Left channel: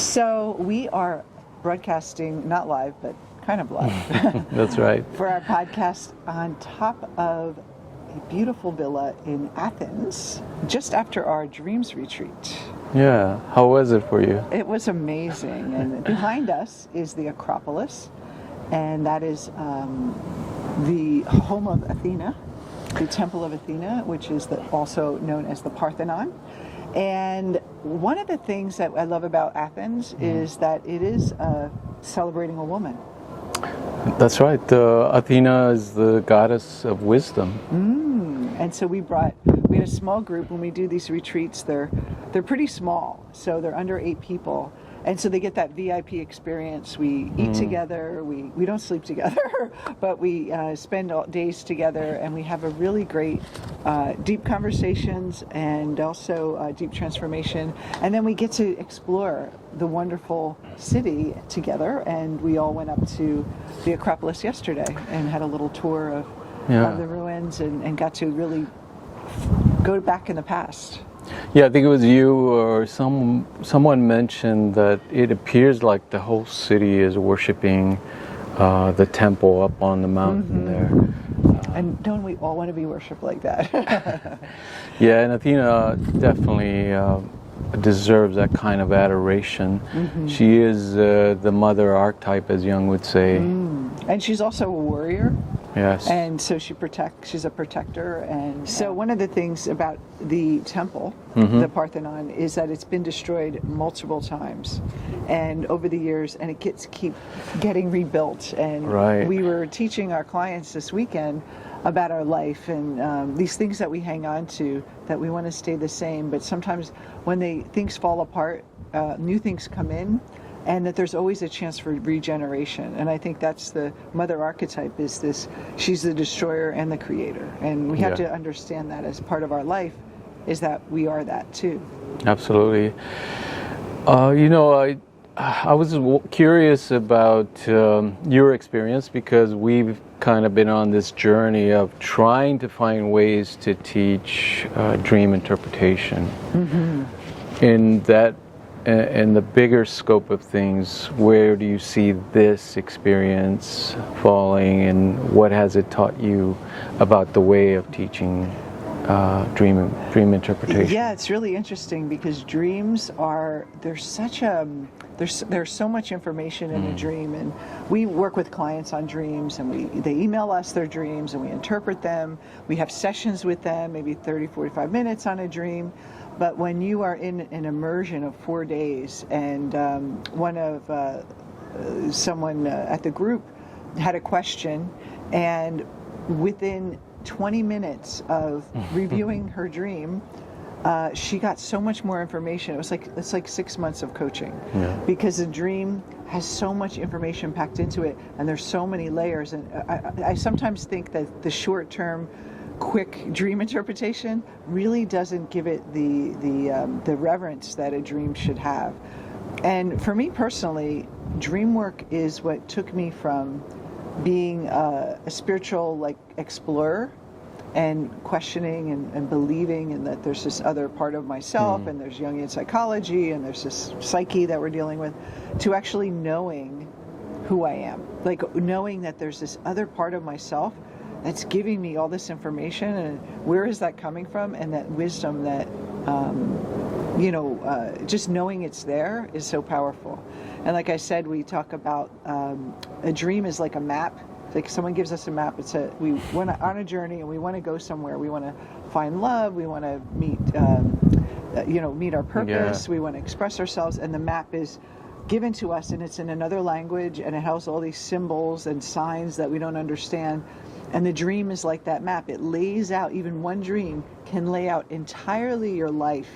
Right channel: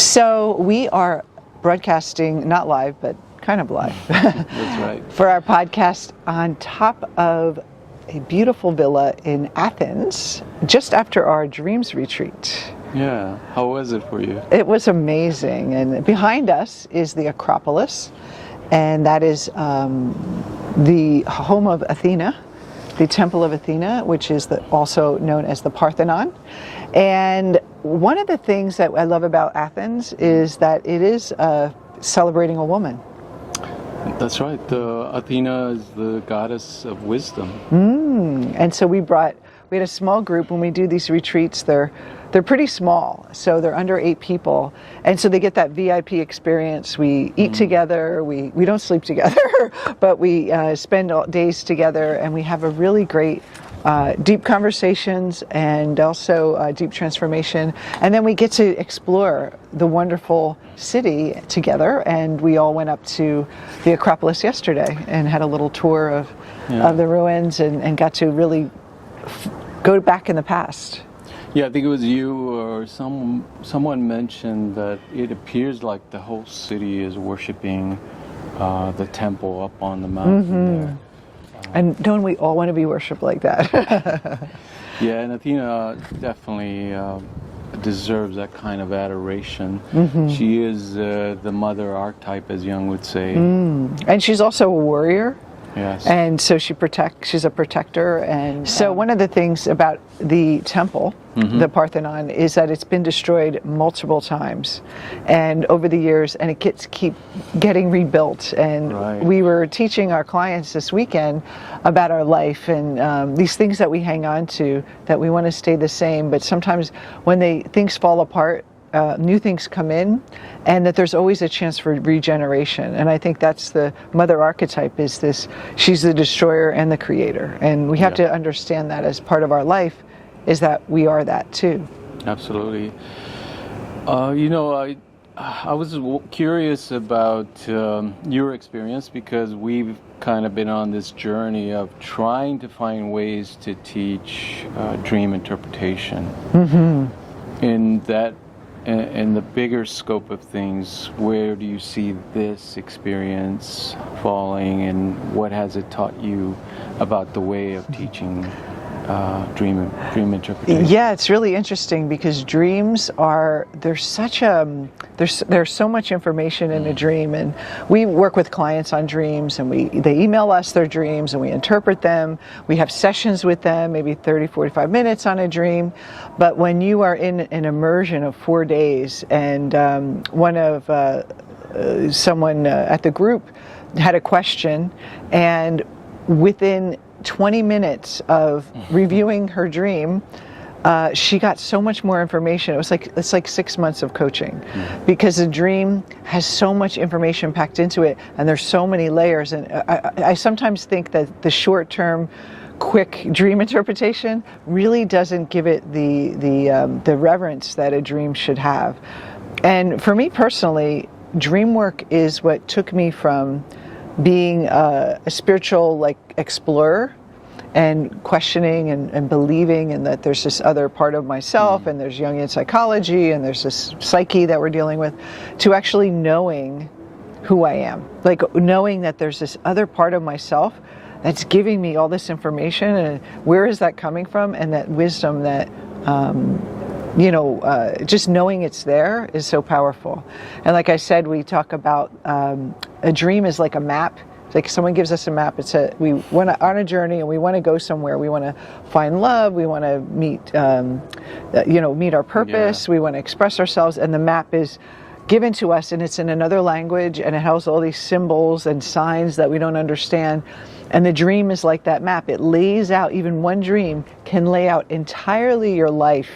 So we are broadcasting, not live, but kind of live. That's right. For our podcast on top of a beautiful villa in Athens, just after our Dreams Retreat. Yeah, how was it for you? It was amazing. And behind us is the Acropolis, and that is the home of Athena, the Temple of Athena, which is also known as the Parthenon. And one of the things that I love about Athens is that it is celebrating a woman. That's right. Athena is the goddess of wisdom. And so we had a small group. When we do these retreats, they're pretty small, so they're under 8 people, and so they get that VIP experience. We eat together, we don't sleep together, but we spend days together, and we have a really great deep conversations and also deep transformation. And then we get to explore the wonderful city together, and we all went up to the Acropolis yesterday and had a little tour of the ruins and got to really go back in the past. Yeah, I think it was you or someone mentioned that it appears like the whole city is worshiping the temple up on the mountain there. And don't we all want to be worshipped like that? Yeah, and Athena definitely deserves that kind of adoration. She is the mother archetype, as Jung would say. And she's also a warrior. Yes. And so she's a protector. And so one of the things about the temple, the Parthenon, is that it's been destroyed multiple times, and over the years, and it keep getting rebuilt. And we were teaching our clients this weekend about our life and these things that we hang on to, that we want to stay the same, but sometimes when things fall apart, new things come in, and that there's always a chance for regeneration. And I think that's the mother archetype, she's the destroyer and the creator. And we have to understand that as part of our life, is that we are that too. Absolutely. I was curious about your experience, because we've kind of been on this journey of trying to find ways to teach dream interpretation. In the bigger scope of things, where do you see this experience falling, and what has it taught you about the way of teaching dream interpretation? Yeah, it's really interesting, because dreams there's so much information in a dream, and we work with clients on dreams, and they email us their dreams, and we interpret them. We have sessions with them, maybe 30, 45 minutes on a dream. But when you are in an immersion of 4 days, and someone at the group had a question, and within 20 minutes of reviewing her dream, she got so much more information. It's like 6 months of coaching, because the dream has so much information packed into it, and there's so many layers. And I sometimes think that the short-term, quick dream interpretation really doesn't give it the reverence that a dream should have. And for me personally, dream work is what took me from being a spiritual explorer and questioning and believing, and that there's this other part of myself, and there's Jungian psychology, and there's this psyche that we're dealing with, to actually knowing who I am, knowing that there's this other part of myself that's giving me all this information, and where is that coming from, and that wisdom that just knowing it's there is so powerful. And like I said, we talk about a dream is like a map. It's like someone gives us a map. We want to on a journey, and we want to go somewhere. We want to find love. We want to meet our purpose. We want to express ourselves, and the map is given to us, and it's in another language, and it has all these symbols and signs that we don't understand. And the dream is like that map. It lays out, even one dream can lay out entirely your life.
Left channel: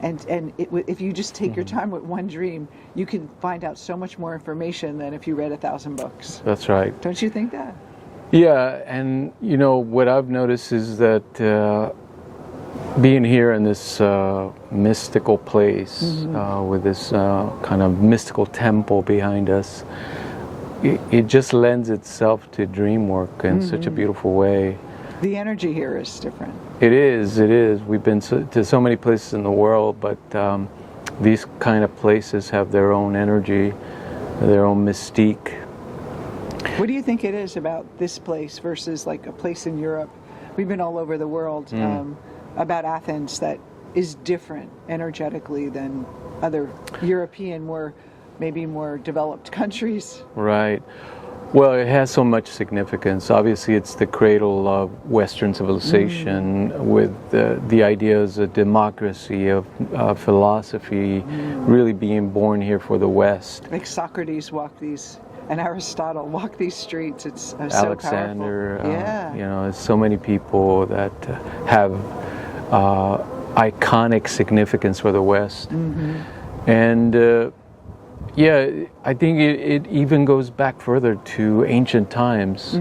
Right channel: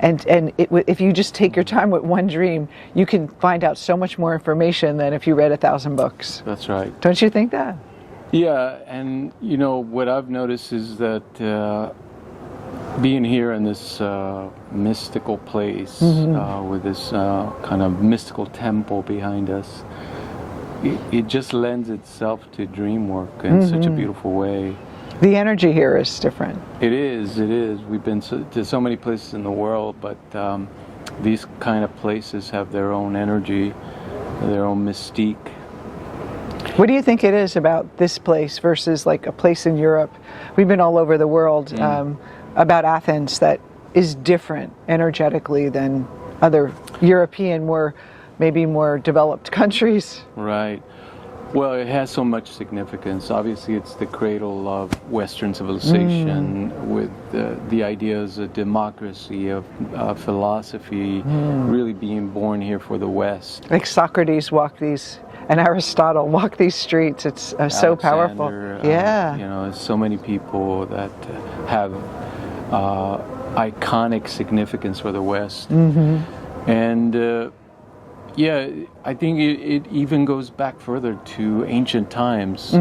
And if you just take your time with one dream, you can find out so much more information than if you read 1,000 books. That's right. Don't you think that? Yeah, and what I've noticed is that being here in this mystical place, with this kind of mystical temple behind us, it just lends itself to dream work in such a beautiful way. The energy here is different. It is. We've been to so many places in the world, but these kind of places have their own energy, their own mystique. What do you think it is about this place versus like a place in Europe? We've been all over the world, about Athens, that is different energetically than other European, maybe more developed countries? Right. Well, it has so much significance. Obviously, it's the cradle of Western civilization with the ideas of democracy, of philosophy, really being born here for the West. Like Socrates walked these, and Aristotle walked these streets. It's so powerful. Yeah. You know, there's so many people that have iconic significance for the West. And yeah, I think it even goes back further to ancient times,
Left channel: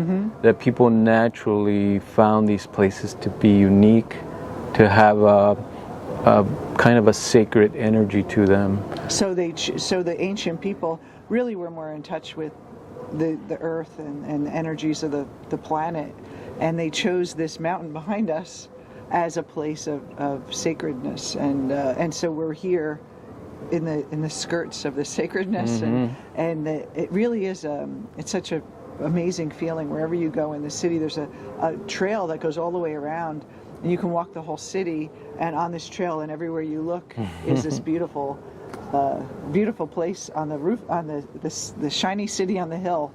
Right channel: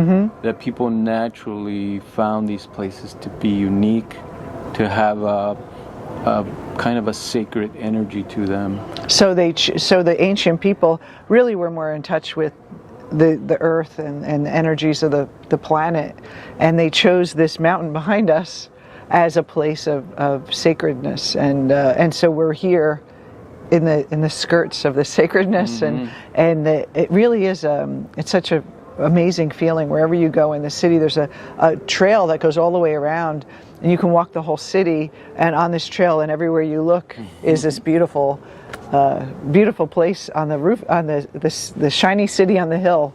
that people naturally found these places to be unique, to have a kind of a sacred energy to them. So the ancient people really were more in touch with the earth and the energies of the planet, and they chose this mountain behind us as a place of sacredness, and so we're here in the skirts of the sacredness, and it really is it's such a amazing feeling. Wherever you go in the city, there's a trail that goes all the way around, and you can walk the whole city, and on this trail and everywhere you look is this beautiful place on the roof, on the shiny city on the hill.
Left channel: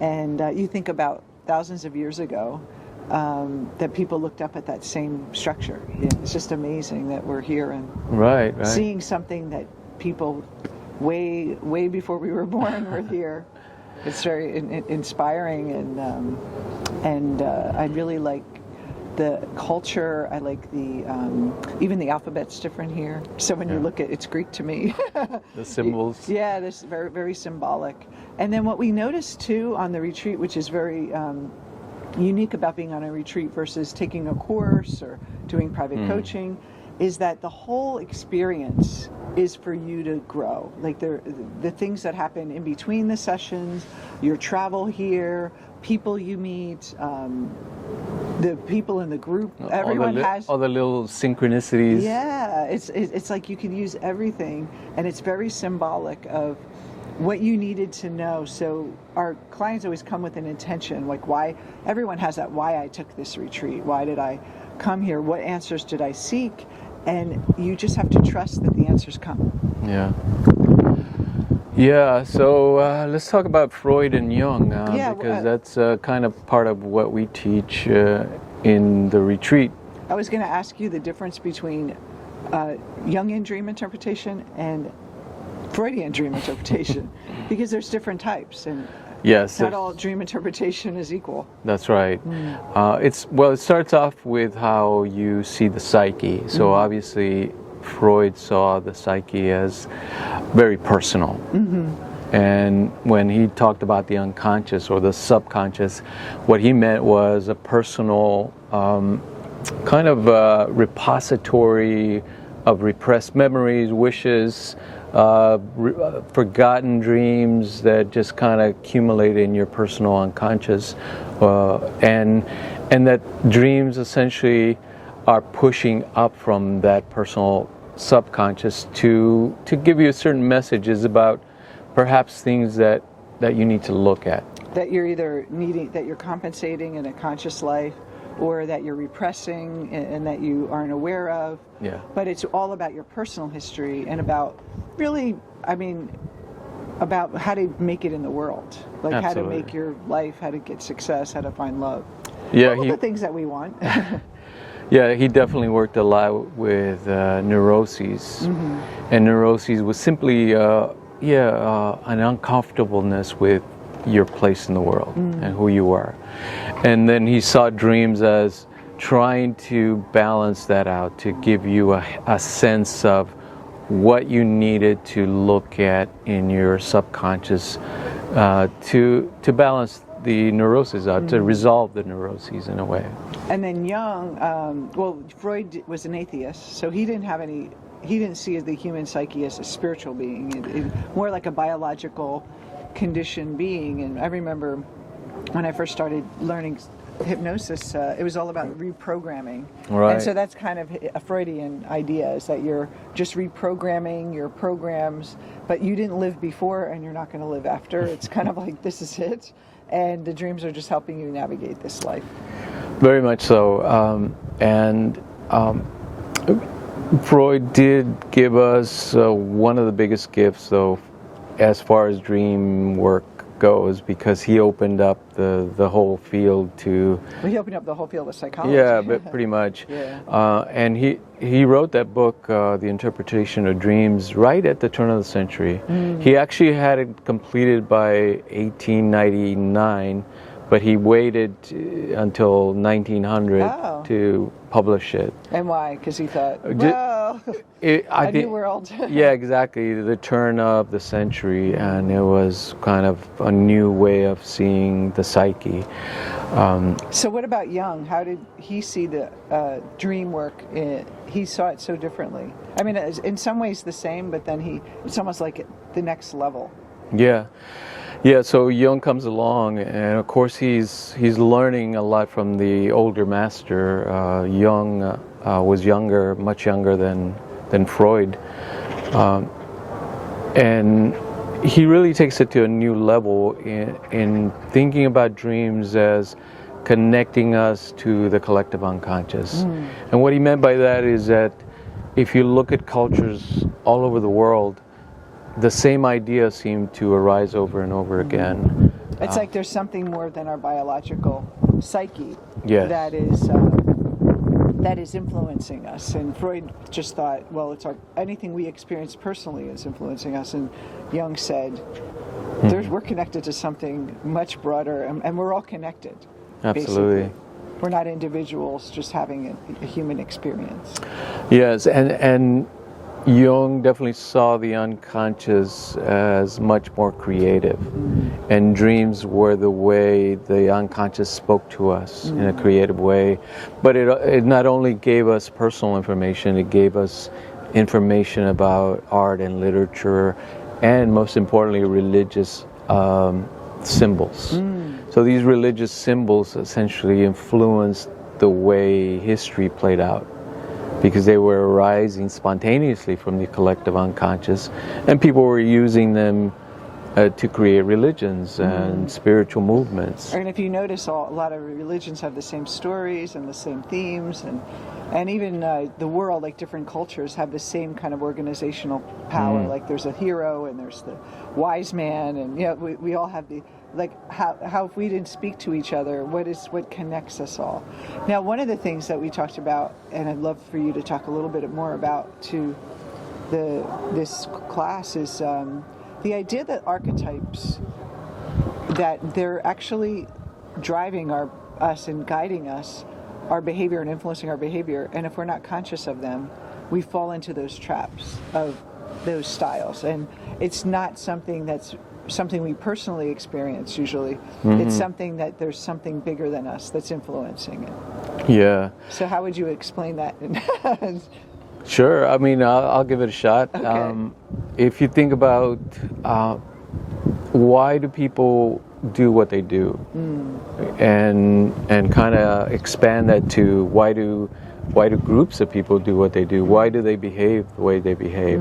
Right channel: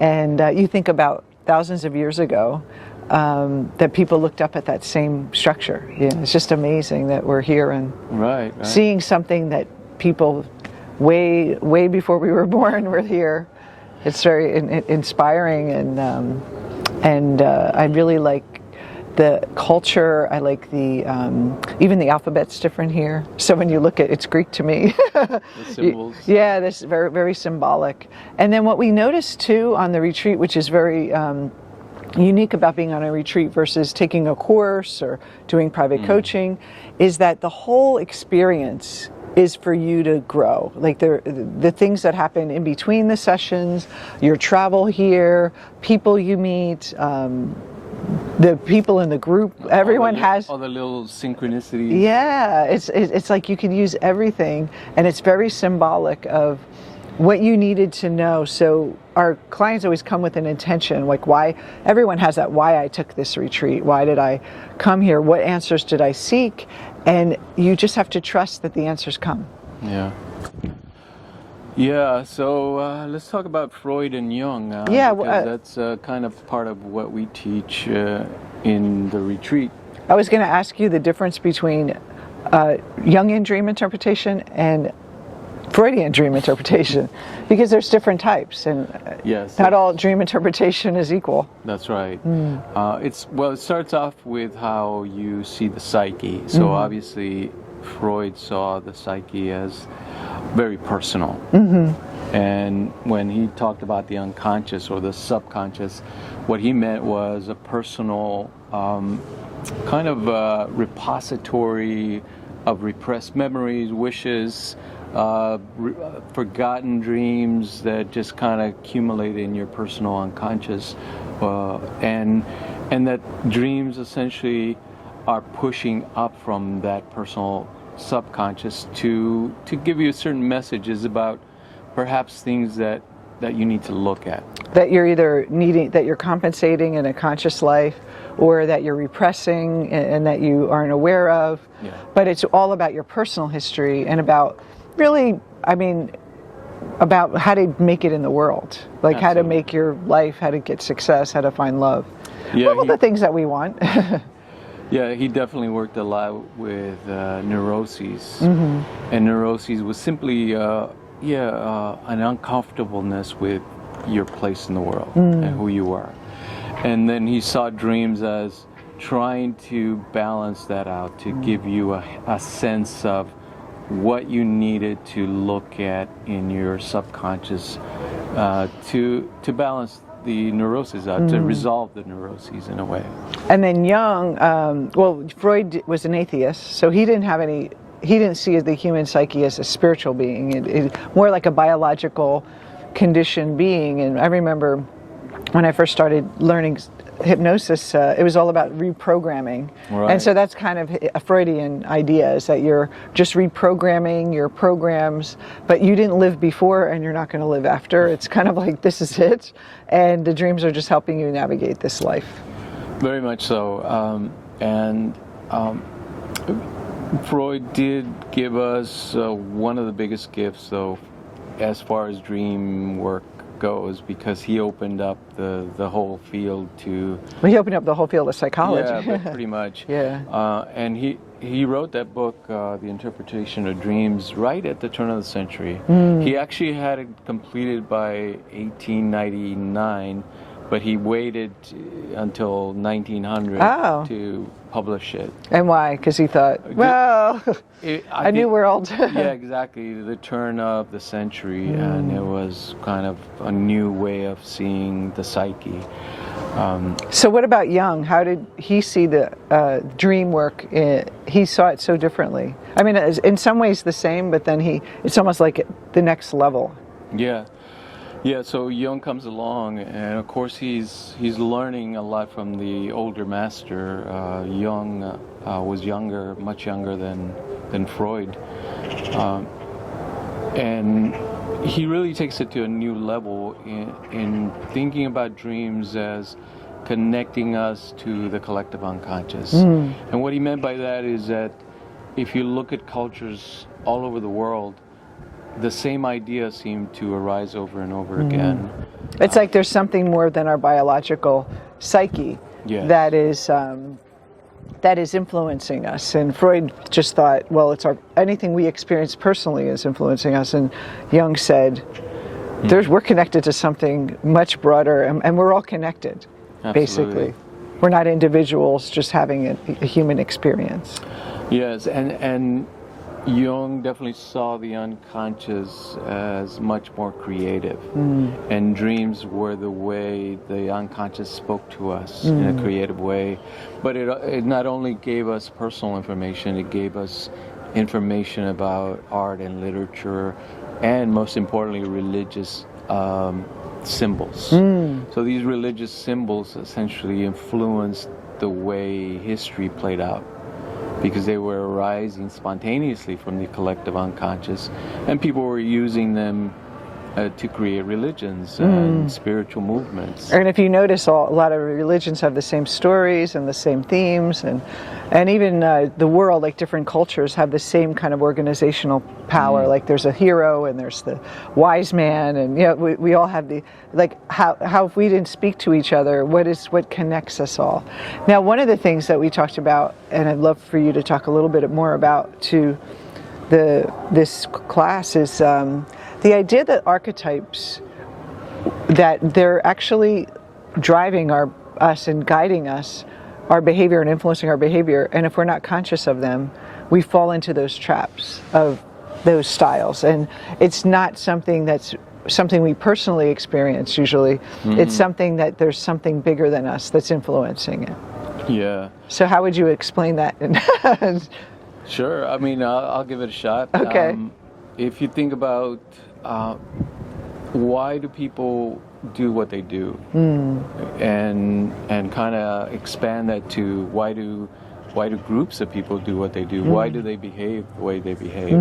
And you think about thousands of years ago, that people looked up at that same structure. Yeah, it's just amazing that we're here and right. seeing something that people way before we were born were here. It's very inspiring, and I really like the culture. I like the even the alphabet's different here. So when you look at it's Greek to me. The symbols. Yeah, this very, very symbolic. And then what we noticed too on the retreat, which is very unique about being on a retreat versus taking a course or doing private coaching, is that the whole experience is for you to grow. Like the things that happen in between the sessions, your travel here, people you meet, the people in the group, everyone has all the little synchronicities. Yeah, it's like you can use everything, and it's very symbolic of what you needed to know. So our clients always come with an intention, like why, everyone has that why I took this retreat, why did I come here, what answers did I seek, and you just have to trust that the answers come. Yeah, so let's talk about Freud and Jung, because that's kind of part of what we teach in the retreat. I was going to ask you the difference between Jungian dream interpretation and Freudian dream interpretation, because there's different types, and yes, not all dream interpretation is equal. That's right. It starts off with how you see the psyche. So obviously Freud saw the psyche as very personal. And when he talked about the unconscious or the subconscious, what he meant was a personal kind of repository of repressed memories, wishes, forgotten dreams that just kind of accumulate in your personal unconscious, and that dreams essentially are pushing up from that personal subconscious to give you certain messages about perhaps things that you need to look at. That you're either that you're compensating in a conscious life, or that you're repressing and that you aren't aware of. Yeah. But it's all about your personal history and about really, about how to make it in the world. Like Absolutely. How to make your life, how to get success, how to find love. Yeah, all the things that we want. Yeah, he definitely worked a lot with neuroses. And neuroses was simply an uncomfortableness with your place in the world and who you are. And then he saw dreams as trying to balance that out, to give you a sense of what you needed to look at in your subconscious to balance the neuroses out, to resolve the neuroses in a way. And then Jung, Freud was an atheist, so he didn't see the human psyche as a spiritual being, more like a biological conditioned being. And I remember when I first started learning hypnosis, it was all about reprogramming. Right. And so that's kind of a Freudian idea, is that you're just reprogramming your programs, but you didn't live before and you're not going to live after. It's kind of like, this is it. And the dreams are just helping you navigate this life. Very much so. Freud did give us one of the biggest gifts, though, as far as dream work goes, because he opened up the whole field to... Well, he opened up the whole field of psychology. Yeah, but pretty much. Yeah. And he wrote that book, The Interpretation of Dreams, right at the turn of the century. He actually had it completed by 1899, but he waited until 1900 to publish it. And why? Because he thought, well, I knew we're all dead. Yeah, exactly. The turn of the century, and it was kind of a new way of seeing the psyche. So what about Jung? How did he see the dream work? He saw it so differently. I mean, in some ways the same, but then it's almost like the next level. Yeah. Yeah, so Jung comes along, and of course he's learning a lot from the older master. Jung was younger, much younger than Freud, and he really takes it to a new level in thinking about dreams as connecting us to the collective unconscious. And what he meant by that is that if you look at cultures all over the world, the same idea seemed to arise over and over again. It's like there's something more than our biological psyche that is influencing us. And Freud just thought, well, anything we experience personally is influencing us. And Jung said, we're connected to something much broader, and we're all connected, basically. We're not individuals just having a human experience. Yes, and Jung definitely saw the unconscious as much more creative, and dreams were the way the unconscious spoke to us in a creative way. But it not only gave us personal information, it gave us information about art and literature, and most importantly, religious symbols. So these religious symbols essentially influenced the way history played out, because they were arising spontaneously from the collective unconscious, and people were using them to create religions and spiritual movements. And if you notice, a lot of religions have the same stories and the same themes, and even the world, like different cultures, have the same kind of organizational power. Like there's a hero and there's the wise man, and we all have how if we didn't speak to each other, what connects us all? Now, one of the things that we talked about, and I'd love for you to talk a little bit more about to this class, is the idea that archetypes, that they're actually driving us and guiding us, our behavior and influencing our behavior, and if we're not conscious of them, we fall into those traps of those styles. And it's not something we personally experience usually. It's something that there's something bigger than us that's influencing it. Yeah. So how would you explain that? Sure. I mean, I'll give it a shot. Okay. If you think about why do people do what they do, and kind of expand that to why do groups of people do what they do? Why do they behave the way they behave?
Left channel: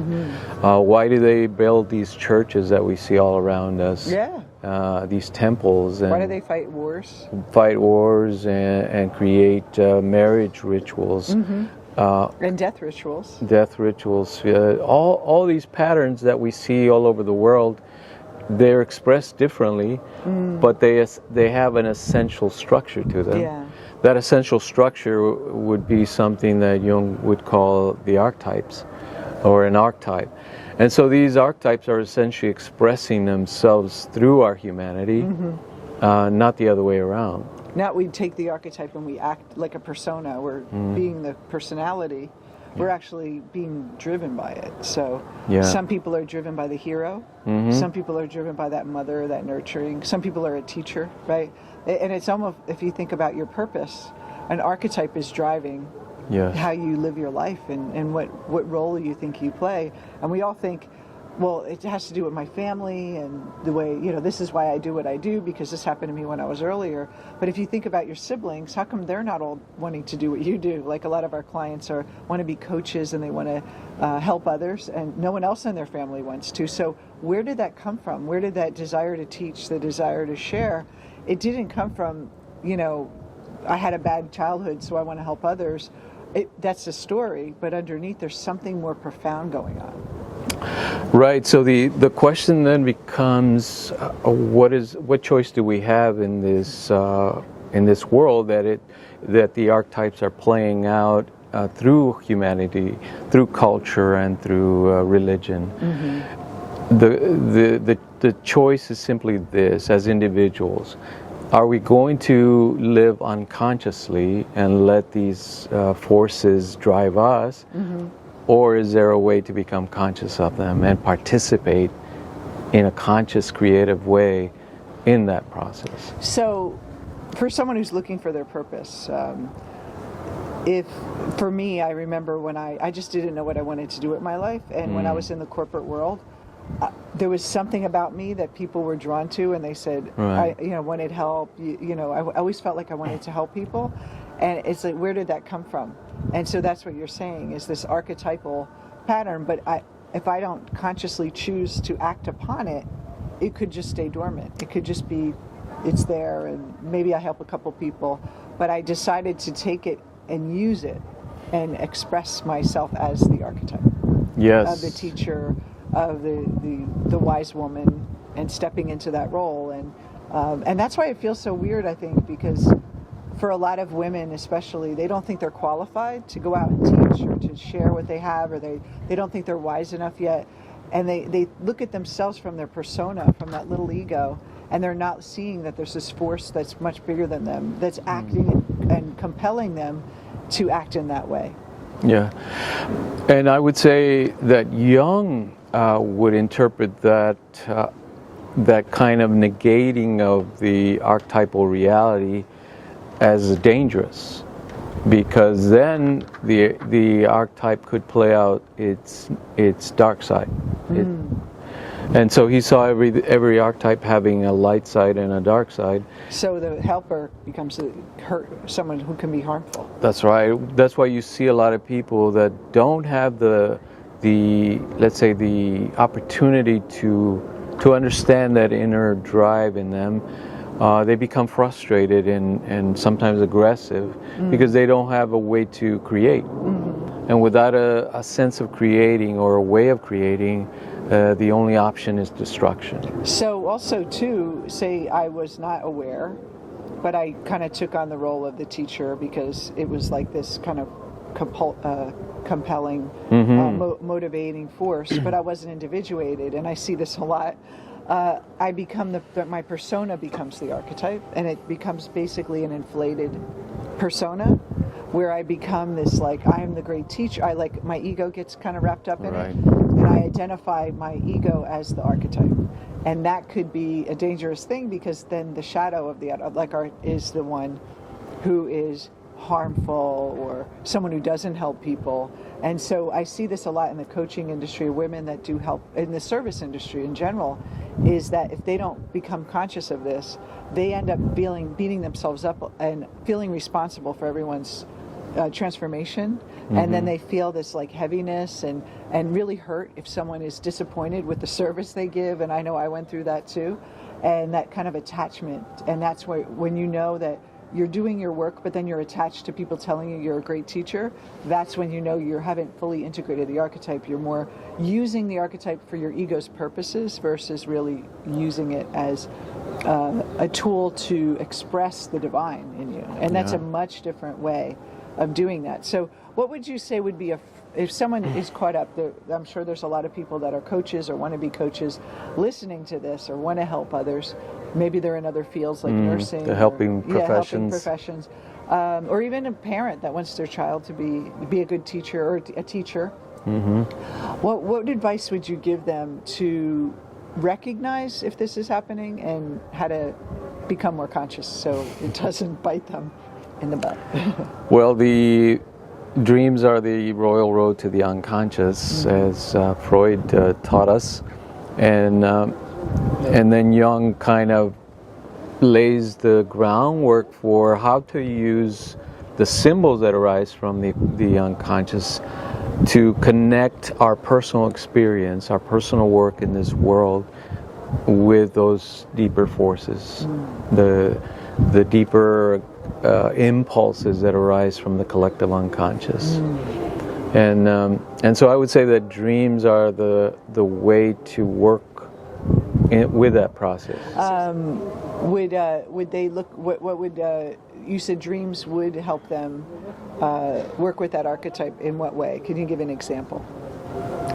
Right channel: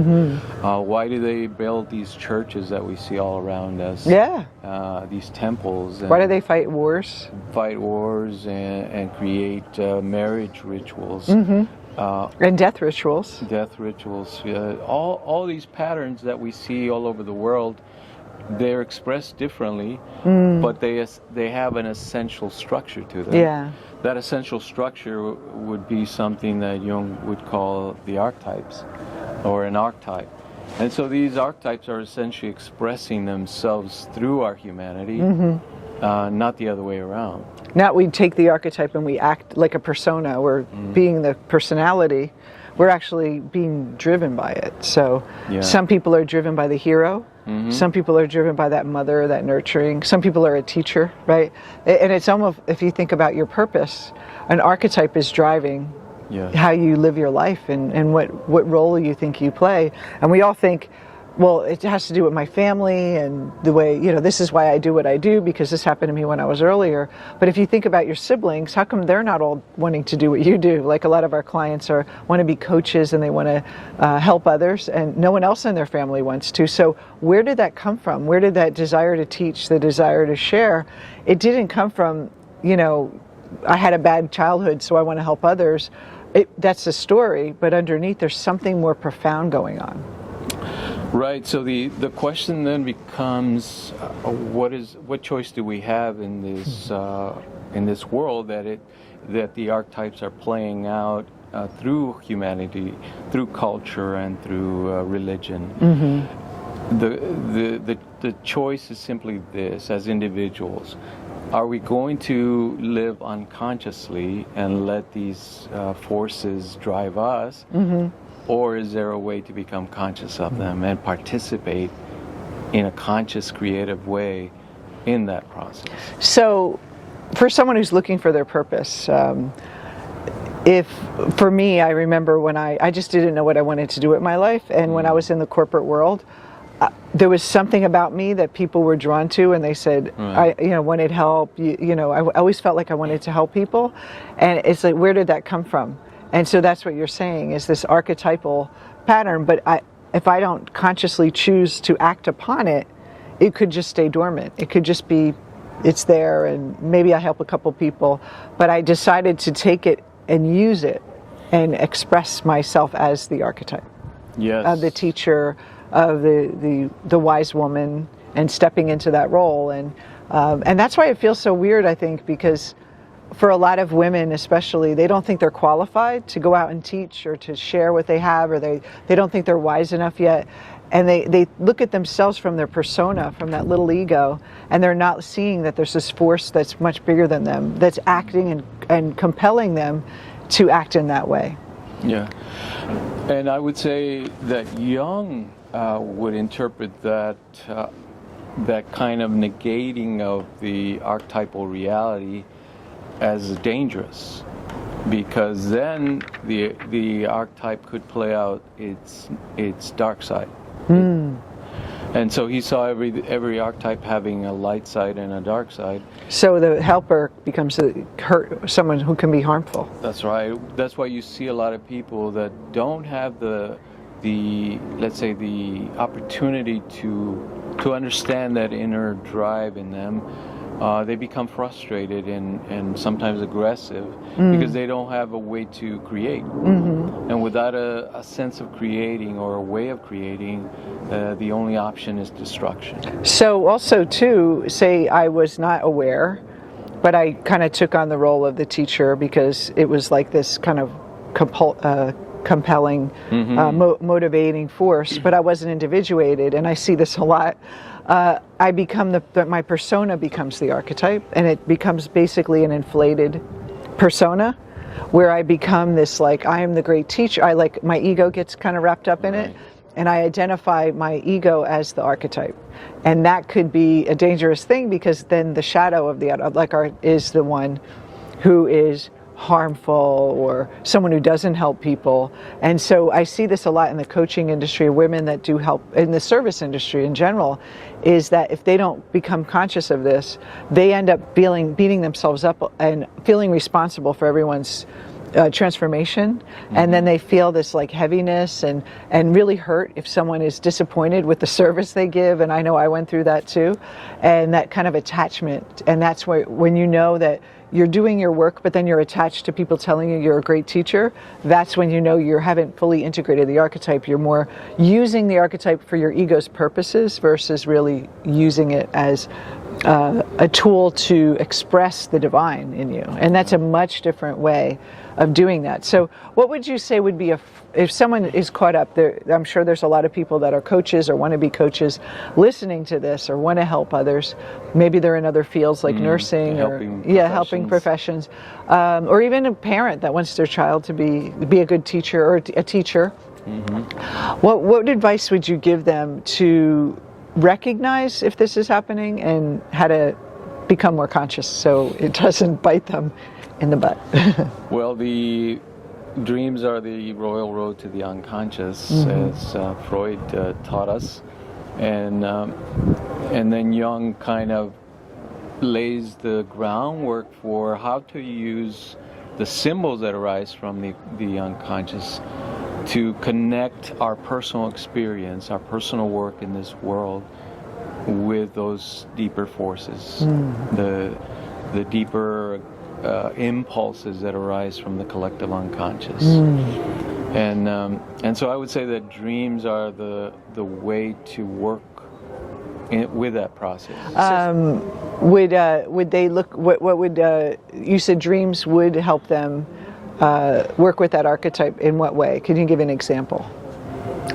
Why do they build these churches that we see all around us? Yeah. These temples. And why do they fight wars? Fight wars and create marriage rituals. And death rituals. Death rituals. All these patterns that we see all over the world, they're expressed differently, but they have an essential structure to them. Yeah. That essential structure would be something that Jung would call the archetypes, or an archetype. And so these archetypes are essentially expressing themselves through our humanity, not the other way around. Not we take the archetype and we act like a persona. We're being the personality. We're actually being driven by it. So some people are driven by the hero. Some people are driven by that mother, that nurturing. Some people are a teacher, right? And it's almost, if you think about your purpose, an archetype is driving how you live your life and what role you think you play. And we all think, well, it has to do with my family and the way, this is why I do what I do, because this happened to me when I was earlier. But if you think about your siblings, how come they're not all wanting to do what you do? Like a lot of our clients want to be coaches and they want to help others, and no one else in their family wants to. So where did that come from? Where did that desire to teach, the desire to share? It didn't come from, I had a bad childhood, so I want to help others. That's the story, but underneath there's something more profound going on. Right. So the question then becomes, what choice do we have in this world that the archetypes are playing out through humanity, through culture, and through religion? Mm-hmm. The choice is simply this: as individuals, are we going to live unconsciously and let these forces drive us? Mm-hmm. Or is there a way to become conscious of them and participate in a conscious, creative way in that process? So, for someone who's looking for their purpose, for me, I remember when I just didn't know what I wanted to do with my life, and when I was in the corporate world, there was something about me that people were drawn to, and they said, I wanted help. I always felt like I wanted to help people, and it's like, where did that come from? And so that's what you're saying, is this archetypal pattern. But if I don't consciously choose to act upon it, it could just stay dormant. It could just be, it's there, and maybe I help a couple people, but I decided to take it and use it and express myself as the archetype. Yes. Of the teacher, of the wise woman, and stepping into that role. And that's why it feels so weird, I think, because for a lot of women especially, they don't think they're qualified to go out and teach or to share what they have, or they don't think they're wise enough yet. And they look at themselves from their persona, from that little ego, and they're not seeing that there's this force that's much bigger than them, that's acting and compelling them to act in that way. Yeah. And I would say that Jung would interpret that kind of negating of the archetypal reality as dangerous, because then the archetype could play out its dark side. And so he saw every archetype having a light side and a dark side. So the helper becomes someone who can be harmful. That's right. That's why you see a lot of people that don't have the let's say the opportunity to understand that inner drive in them. They become frustrated and sometimes aggressive because they don't have a way to create. Mm-hmm. And without a sense of creating or a way of creating, the only option is destruction. So also too, say I was not aware, but I kind of took on the role of the teacher because it was like this kind of compelling, motivating force, but I wasn't individuated, and I see this a lot. I become my persona becomes the archetype, and it becomes basically an inflated persona, where I become this, like, I am the great teacher. My ego gets kind of wrapped up in it, and I identify my ego as the archetype, and that could be a dangerous thing, because then the shadow of the is the one who is harmful, or someone who doesn't help people. And so I see this a lot in the coaching industry, women that do help in the service industry in general, is that if they don't become conscious of this, they end up beating themselves up and feeling responsible for everyone's transformation. And then they feel this like heaviness and really hurt if someone is disappointed with the service they give. And I know I went through that too, and that kind of attachment. And that's where, when you know that you're doing your work, but then you're attached to people telling you you're a great teacher, that's when you know you haven't fully integrated the archetype. You're more using the archetype for your ego's purposes versus really using it as a tool to express the divine in you. And that's a much different way of doing that. So what would you say would be if someone is caught up there? I'm sure there's a lot of people that are coaches or want to be coaches listening to this, or want to help others. Maybe they're in other fields like nursing, helping professions, or even a parent that wants their child to be a good teacher or a teacher. What advice would you give them to recognize if this is happening and how to become more conscious so it doesn't bite them in the butt? Well, the dreams are the royal road to the unconscious, as Freud taught us. and then Jung kind of lays the groundwork for how to use the symbols that arise from the unconscious to connect our personal experience, our personal work in this world, with those deeper forces, the deeper impulses that arise from the collective unconscious. And so I would say that dreams are the way to work with that process. Would they look? What would you said? Dreams would help them work with that archetype in what way? Can you give an example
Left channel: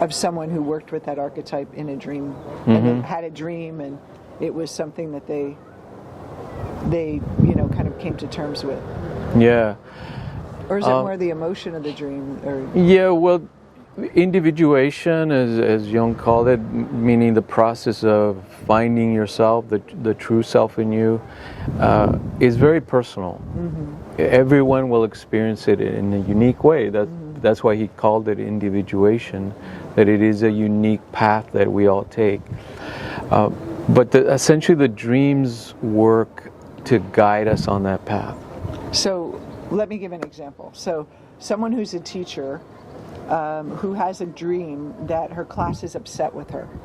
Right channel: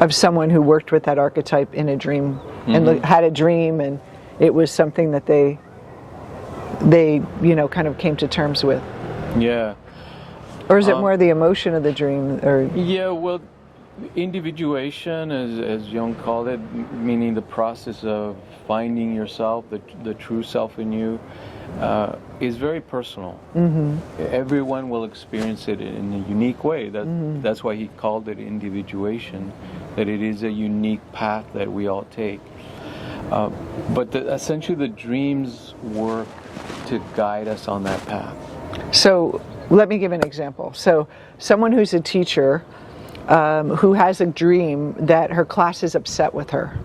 of someone who worked with that archetype in a dream and had a dream, and it was something that they kind of came to terms with? Yeah. Or is it more the emotion of the dream? Or yeah, well, individuation, as Jung called it, meaning the process of finding yourself, the true self in you, is very personal. Everyone will experience it in a unique way. That's why he called it individuation, that it is a unique path that we all take. But essentially the dreams work to guide us on that path. So let me give an example. So someone who's a teacher who has a dream that her class is upset with her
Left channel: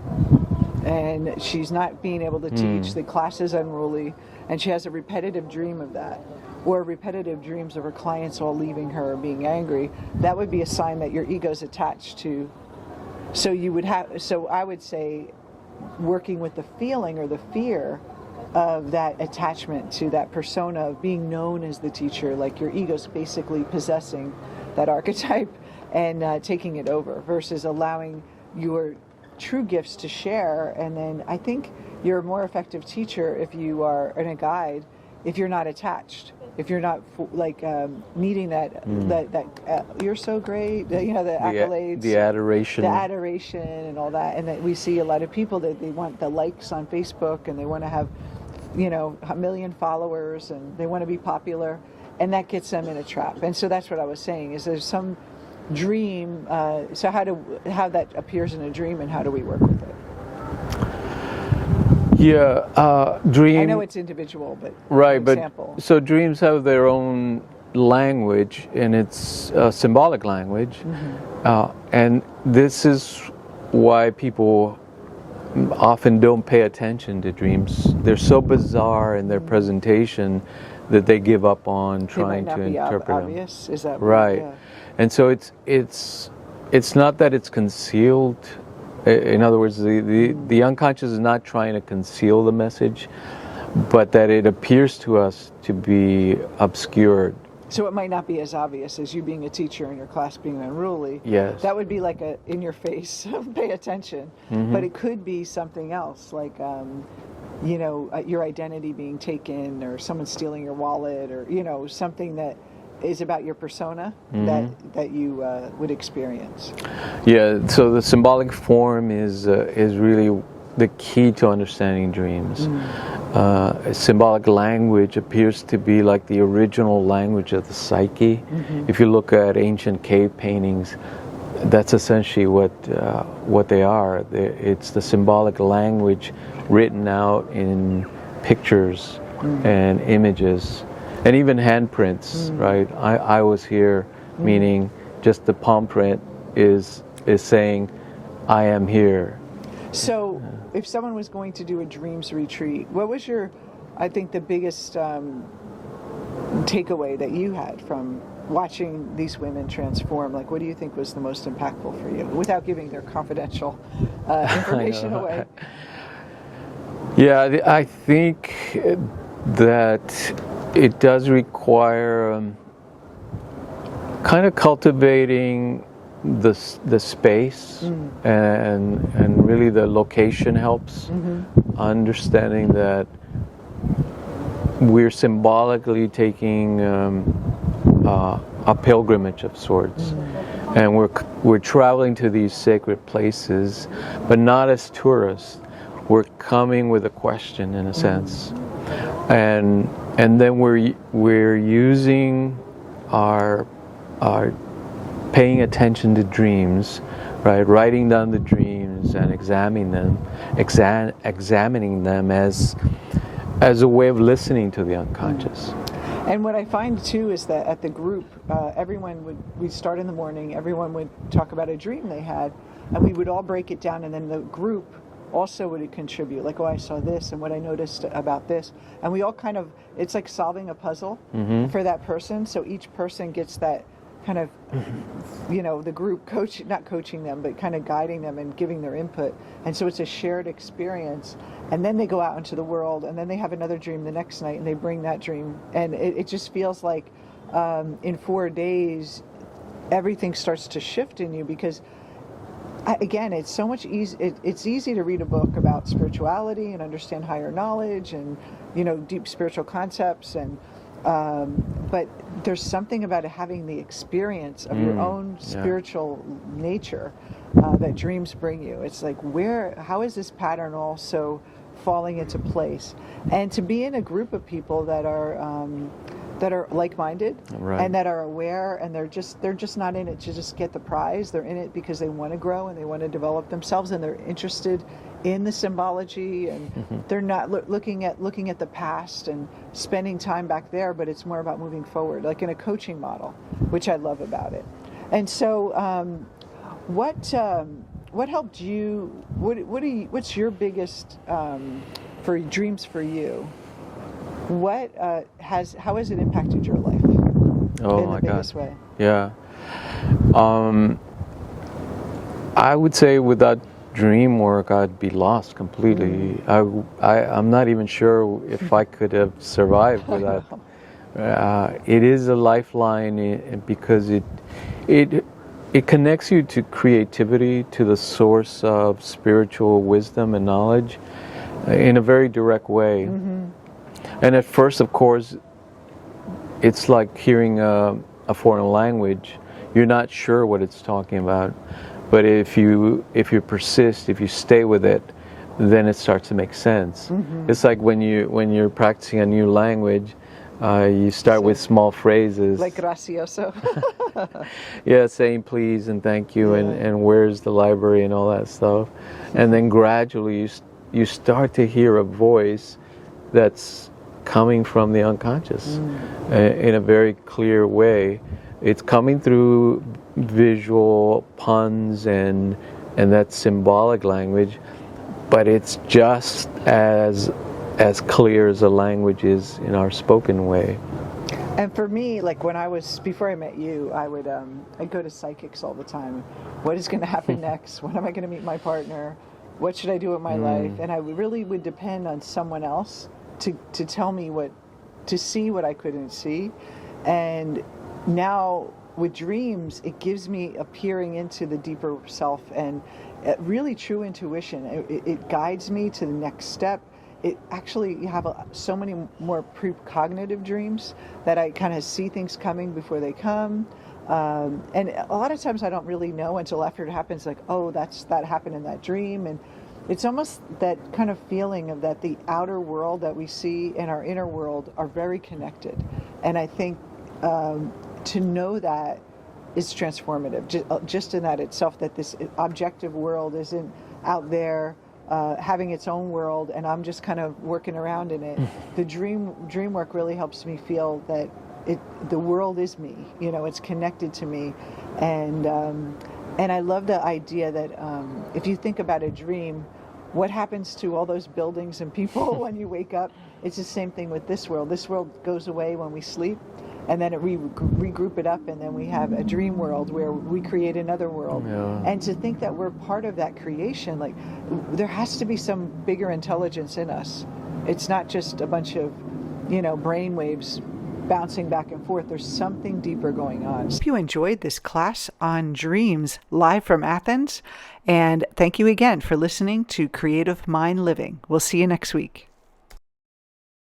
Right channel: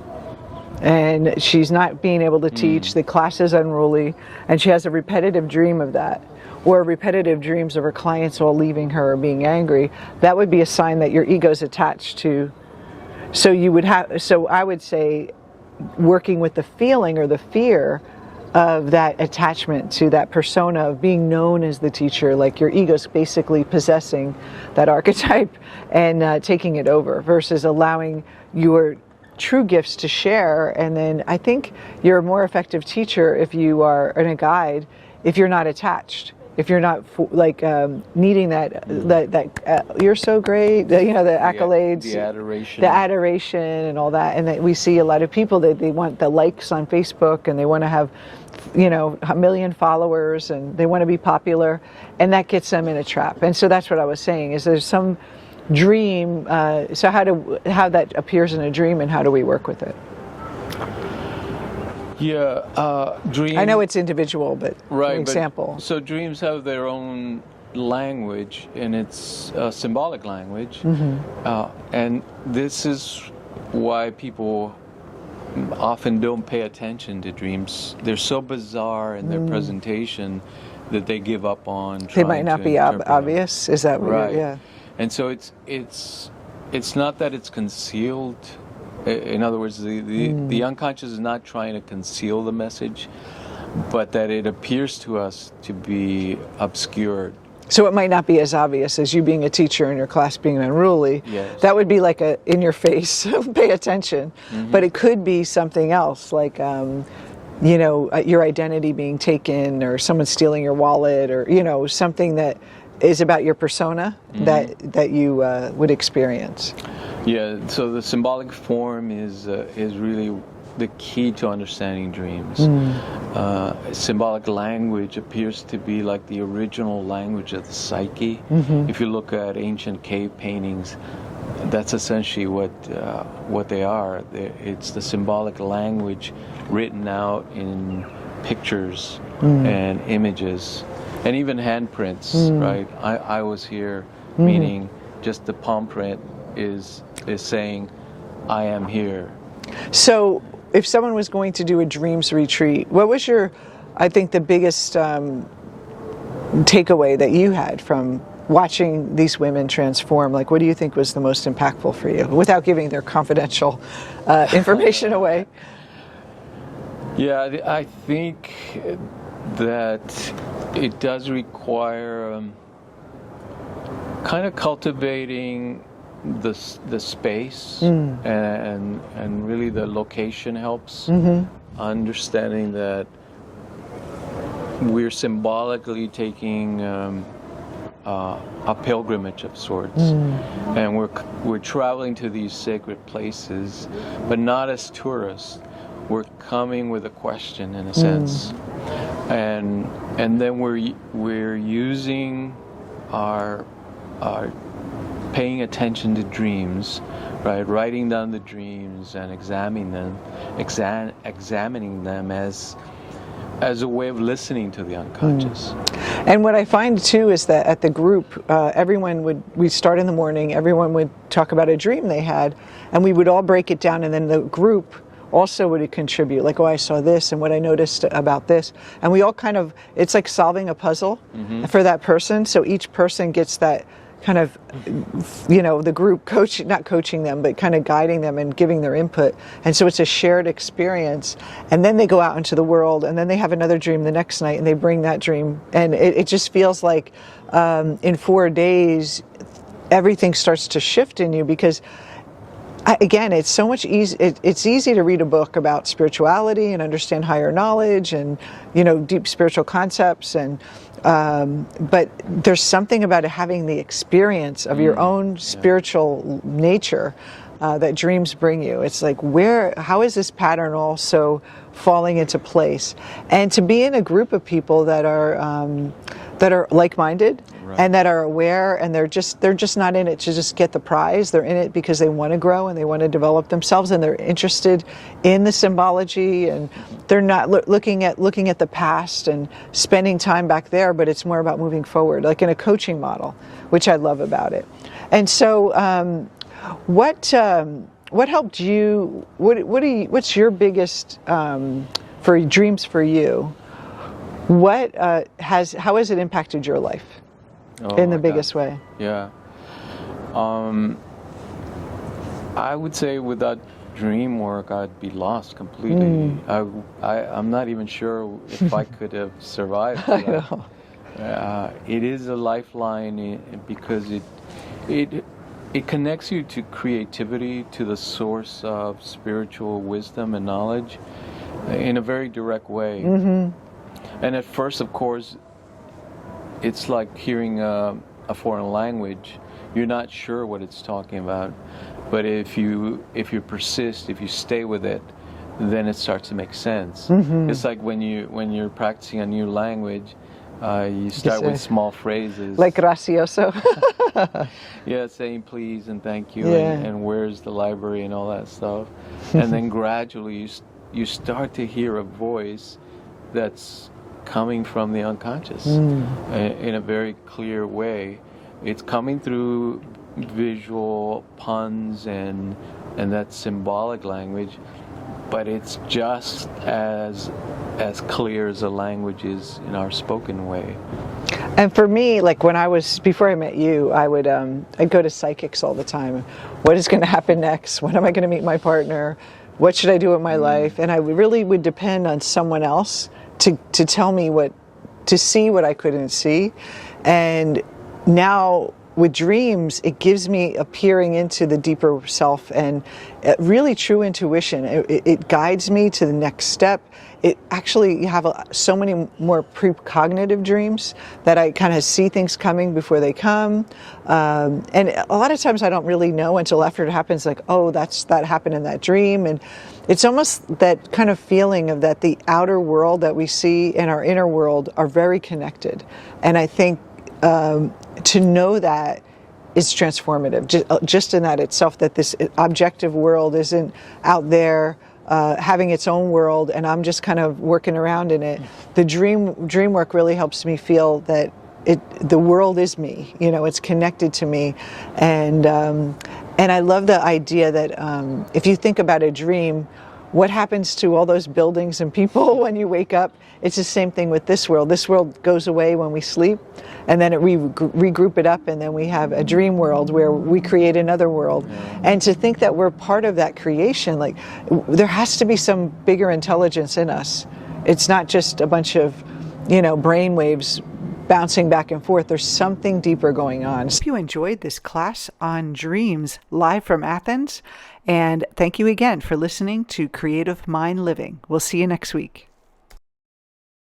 and she's not being able to teach, the class is unruly, and she has a repetitive dream of that, or repetitive dreams of her clients all leaving her or being angry, that would be a sign that your ego's attached to. So I would say working with the feeling or the fear of that attachment to that persona of being known as the teacher, like your ego's basically possessing that archetype and taking it over, versus allowing your true gifts to share. And then I think you're a more effective teacher if you are, and a guide, if you're not attached, if you're not needing that you're so great, the accolades, the adoration, and all that. And that we see a lot of people that they want the likes on Facebook and they want to have a million followers and they want to be popular, and that gets them in a trap. And so that's what I was saying, is there's some dream, so how that appears in a dream and how do we work with it? Yeah, dream. I know it's individual, but right, an example. So dreams have their own language, and it's symbolic language, and this is why people often don't pay attention to dreams. They're so bizarre in their presentation that they give up on trying to They might not be obvious. Is that right? Yeah. And so it's not that it's concealed. In other words, the unconscious is not trying to conceal the message, but that it appears to us to be obscured. So it might not be as obvious as you being a teacher and your class being unruly. Yes. That would be like a in your face, pay attention. But it could be something else, like your identity being taken, or someone stealing your wallet, or something that is about your persona that you would experience. Yeah, so the symbolic form is really the key to understanding dreams. Symbolic language appears to be like the original language of the psyche. If you look at ancient cave paintings, that's essentially what they are. It's the symbolic language written out in pictures and images. And even handprints, right? I was here, meaning just the palm print is saying, I am here. So if someone was going to do a dreams retreat, what was I think the biggest takeaway that you had from watching these women transform? Like, what do you think was the most impactful for you, without giving their confidential information away? Yeah, I think that it does require kind of cultivating the space, and really the location helps. Understanding that we're symbolically taking a pilgrimage of sorts, and we're traveling to these sacred places, but not as tourists. We're coming with a question, in a sense. And then we're using our paying attention to dreams, right? Writing down the dreams, patterns and examining them as a way of listening to the unconscious. And what I find too is that at the group, we'd start in the morning, everyone would talk about a dream they had, and we would all break it down, and then the group also would contribute, like, oh, I saw this and what I noticed about this. And we all it's like solving a puzzle for that person. So each person gets that kind of, the group not coaching them, but kind of guiding them and giving their input. And so it's a shared experience. And then they go out into the world, and then they have another dream the next night, and they bring that dream. And it just feels like in 4 days, everything starts to shift in you, because again, it's so much easy. It's easy to read a book about spirituality and understand higher knowledge and deep spiritual concepts, and but there's something about having the experience of your own spiritual nature that dreams bring you. It's like, how is this pattern also falling into place? And to be in a group of people that are like-minded, right, and that are aware, and they're just not in it to just get the prize. They're in it because they want to grow and they want to develop themselves, and they're interested in the symbology, and they're not looking at the past and spending time back there, but it's more about moving forward, like in a coaching model, which I love about it. And so what helped you, what's your biggest for dreams for you? How has it impacted your life in the biggest way? Yeah. I would say without dream work, I'd be lost completely. I'm not even sure if I could have survived without. It is a lifeline because it connects you to creativity, to the source of spiritual wisdom and knowledge in a very direct way. And at first, of course, it's like hearing a foreign language. You're not sure what it's talking about, but if you persist, if you stay with it, then it starts to make sense. It's like when you're practicing a new language, you start with small phrases like gracioso. Yeah, saying please and thank you, and where's the library and all that stuff, and then gradually you start to hear a voice that's coming from the unconscious in a very clear way. It's coming through visual puns and that symbolic language, but it's just as clear as the language is in our spoken way. And for me, like before I met you, I'd go to psychics all the time. What is going to happen next? When am I going to meet my partner? What should I do with my life? And I really would depend on someone else to tell me to see what I couldn't see. And now with dreams, it gives me a peering into the deeper self and really true intuition. It guides me to the next step. It actually, you have so many more precognitive dreams that I kind of see things coming before they come. And a lot of times I don't really know until after it happens, like, oh, that happened in that dream. And it's almost that kind of feeling of that the outer world that we see and our inner world are very connected. And I think to know that is transformative, just in that itself, that this objective world isn't out there having its own world and I'm just kind of working around in it. The dream work really helps me feel that the world is me, it's connected to me. And I love the idea that if you think about a dream, what happens to all those buildings and people when you wake up? It's the same thing with this world. This world goes away when we sleep, and then we regroup it up, and then we have a dream world where we create another world. Yeah. And to think that we're part of that creation, like there has to be some bigger intelligence in us. It's not just a bunch of, brain waves bouncing back and forth. There's something deeper going on. If you enjoyed this class on dreams live from Athens, and thank you again for listening to Creative Mind Living. We'll see you next week.